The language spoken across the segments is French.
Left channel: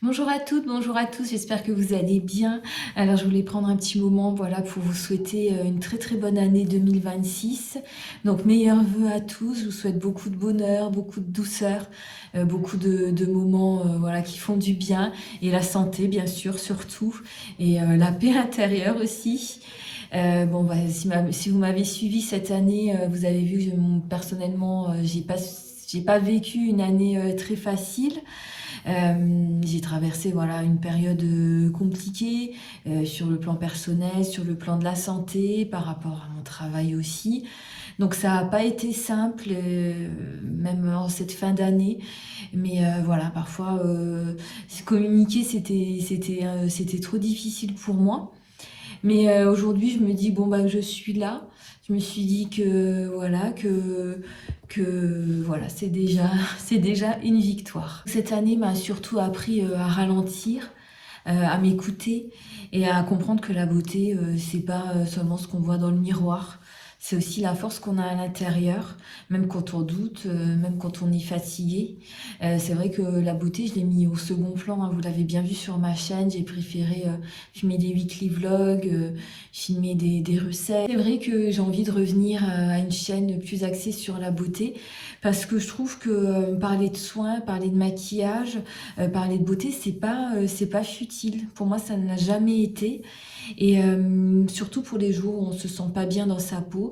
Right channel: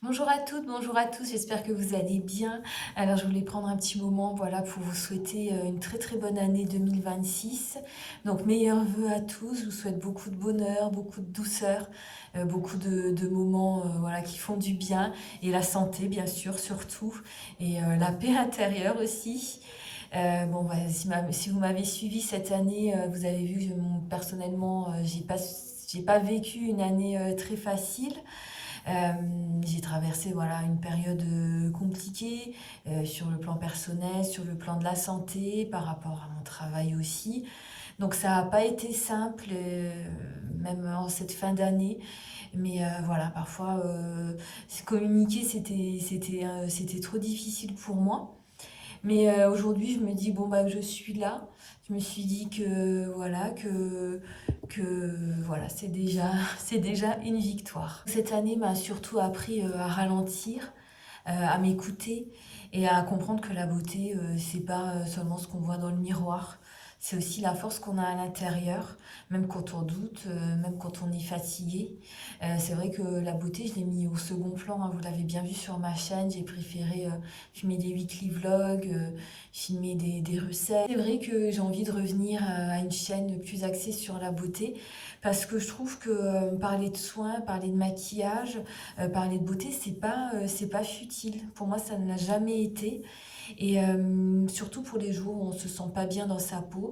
Bonjour à toutes, bonjour à tous, j'espère que vous allez bien. Alors je voulais prendre un petit moment voilà, pour vous souhaiter une très très bonne année 2026. Donc meilleurs vœux à tous, je vous souhaite beaucoup de bonheur, beaucoup de douceur, beaucoup de moments voilà, qui font du bien et la santé bien sûr surtout et la paix intérieure aussi. Bon, bah, si vous m'avez suivi cette année, vous avez vu que personnellement, j'ai pas vécu une année très facile. J'ai traversé voilà, une période compliquée sur le plan personnel, sur le plan de la santé, par rapport à mon travail aussi. Donc ça n'a pas été simple, même en cette fin d'année. Mais voilà, parfois communiquer, c'était trop difficile pour moi. Mais aujourd'hui, je me dis, bon, bah, je suis là. Je me suis dit que voilà, c'est déjà une victoire. Cette année m'a surtout appris à ralentir, à m'écouter et à comprendre que la beauté, c'est pas seulement ce qu'on voit dans le miroir. C'est aussi la force qu'on a à l'intérieur, même quand on doute, même quand on est fatigué. C'est vrai que la beauté, je l'ai mis au second plan, hein, vous l'avez bien vu sur ma chaîne. J'ai préféré filmer des weekly vlogs, filmer des recettes. C'est vrai que j'ai envie de revenir à une chaîne plus axée sur la beauté, parce que je trouve que parler de soins, parler de maquillage, parler de beauté, c'est pas futile. Pour moi, ça ne l'a jamais été. Et surtout pour les jours où on se sent pas bien dans sa peau,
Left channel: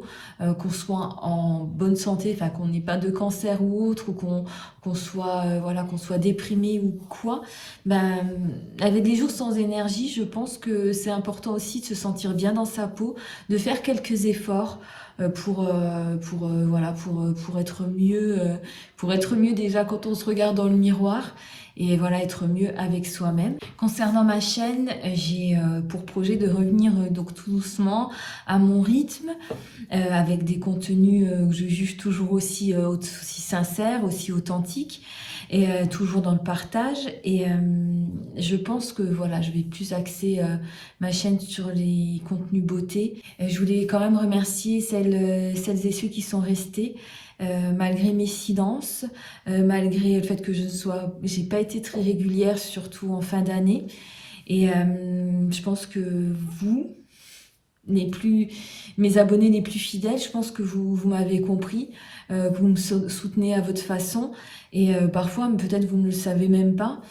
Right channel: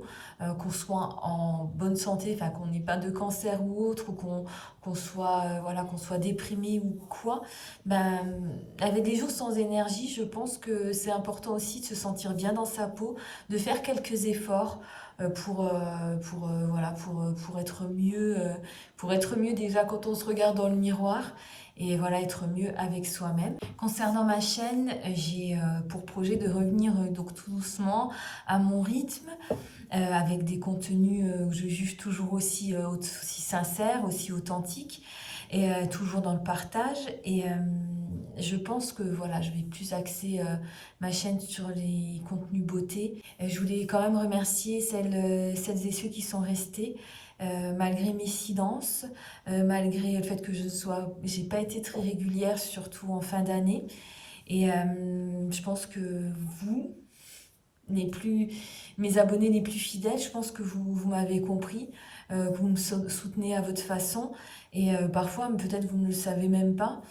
qu'on soit en bonne santé, enfin qu'on n'ait pas de cancer ou autre, ou qu'on soit voilà, qu'on soit déprimé ou quoi, ben avec des jours sans énergie, je pense que c'est important aussi de se sentir bien dans sa peau, de faire quelques efforts pour être mieux déjà quand on se regarde dans le miroir et voilà, être mieux avec soi-même. Concernant ma chaîne, j'ai pour projet de revenir donc tout doucement à mon rythme, avec des contenus que je juge toujours aussi sincères, aussi authentiques, et toujours dans le partage. Et je pense que voilà, je vais plus axer ma chaîne sur les contenus beauté. Je voulais quand même remercier celles et ceux qui sont restés. Malgré mes silences, malgré le fait que j'ai pas été très régulière, surtout en fin d'année. Et je pense que vous, mes abonnés les plus fidèles, je pense que vous m'avez compris, que vous me soutenez à votre façon. Et parfois, peut-être vous ne le savez même pas.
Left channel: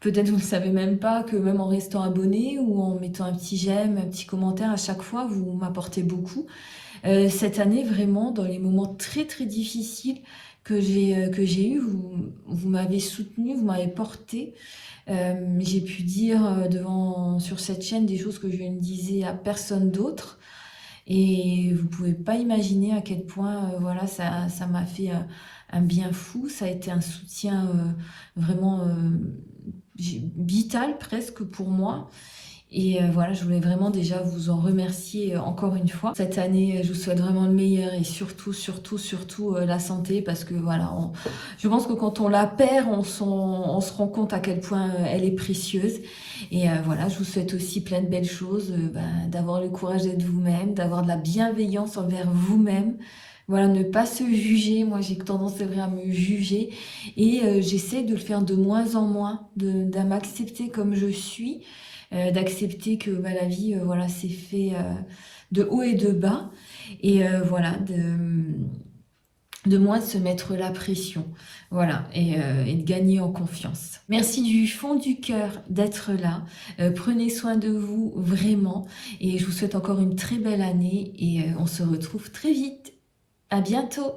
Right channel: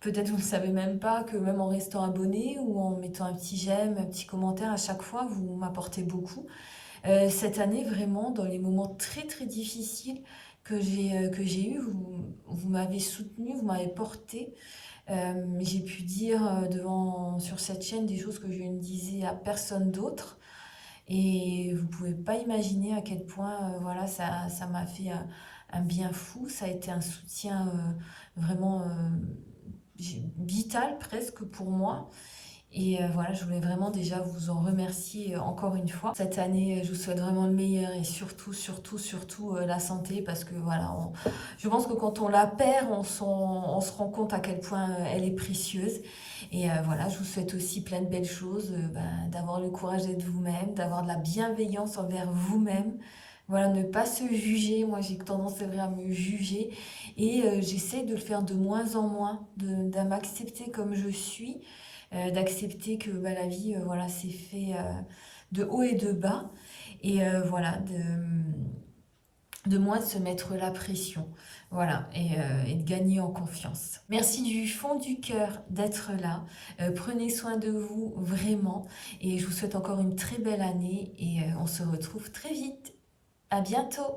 Peut-être vous ne savez même pas que même en restant abonné ou en mettant un petit j'aime, un petit commentaire à chaque fois, vous m'apportez beaucoup. Cette année, vraiment, dans les moments très très difficiles que j'ai eu, vous m'avez soutenu, vous m'avez porté. J'ai pu dire sur cette chaîne des choses que je ne disais à personne d'autre. Et vous pouvez pas imaginer à quel point voilà, ça m'a fait un bien fou. Ça a été un soutien vraiment vital presque pour moi. Et voilà, je voulais vraiment déjà vous en remercier encore une fois. Cette année, je vous souhaite vraiment le meilleur et surtout, surtout, surtout la santé, parce que voilà, je pense que quand on la perd, on se rend compte à quel point elle est précieuse. Et voilà, je vous souhaite aussi plein de belles choses, d'avoir le courage d'être vous-même, d'avoir de la bienveillance envers vous-même. Voilà, ne pas se juger. Moi, j'ai tendance, c'est vrai, à me juger. Et j'essaie de le faire de moins en moins, de m'accepter comme je suis, d'accepter que bah, la vie, voilà, c'est fait de haut et de bas, et voilà, de moins se mettre la pression, voilà, et de gagner en confiance. Merci du fond du cœur d'être là. Prenez soin de vous vraiment, et je vous souhaite encore une très belle année, et on se retrouve très vite. À bientôt.